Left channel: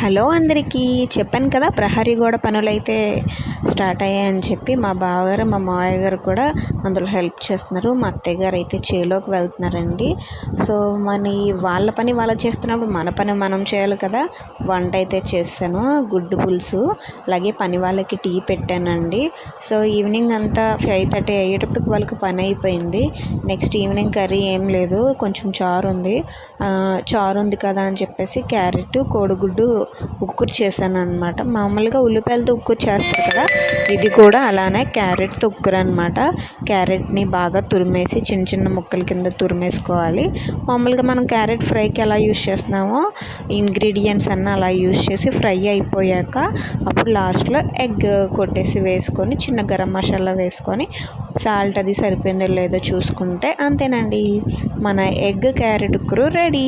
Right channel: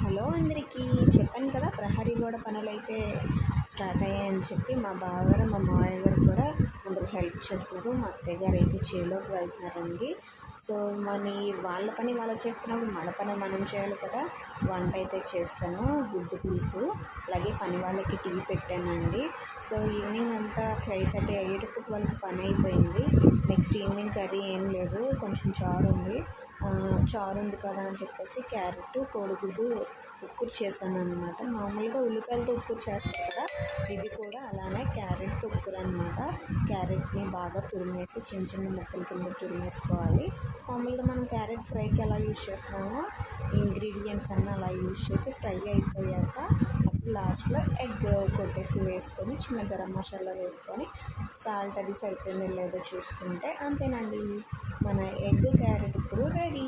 Hello అందరికీ. చెప్పాను కదా ప్రహరీ గోడ పనులైతే స్టార్ట్ అయ్యాయని చెప్పి. మా బావగారు మా మావయ్య గారు కూడా అందులో హెల్ప్ చేస్తున్నారు. మా అత్తయ్య గారు అయితే చేలోకి వెళ్తున్నారండి. సో వాళ్ళ పని వాళ్ళు చేస్తున్నప్పుడు మన పని మనం చేయాలి కదా. వంట అయితే చేశాను, గుడ్డు పులుసు, అలాగే పని వాళ్ళకి టీ పెట్టానండి. సో ఈవినింగ్ అంతా 5:30 అయ్యేటప్పటికి వాళ్ళకి పని అయిపోయింది. నెక్స్ట్ ఈవినింగ్ కర్రీ ఏం లేదు, కొంచెం చారు ఉంది కదా అని చెప్పేసి క్యారెట్ కోడిగుడ్డు ఉక్కురు చేశాను అనమాట. మామూలుగా ఉల్లిపాయలతో ఉక్కురు చేస్తారు కదా, ఇది కూడా అలానే క్యారెట్తో ఉక్కురు అనమాట. క్యారెట్ని బాగా తురిమేసి చిన్న చిన్న ముక్కల కింద తురిమేసుకోవాలి. మామూలుగా మనం క్యారెట్ ఫ్రైకి ఎలా యూస్ చేస్తున్నామో ఇంగ్రీడియంట్స్ అన్నీ అలా యూస్ చేసి ఫ్రై అయిపోయాక అప్పుడు లాస్ట్లో ఎగ్ కొట్టేసి వేసుకొని చిన్న గరం మసాలా వేసుకొని సాల్ట్ అది సరిపోయిందో లేదో చూసుకుంటే అంతేనండి, మన ఎగ్ క్యారెట్ ఉక్కురు రెడీ.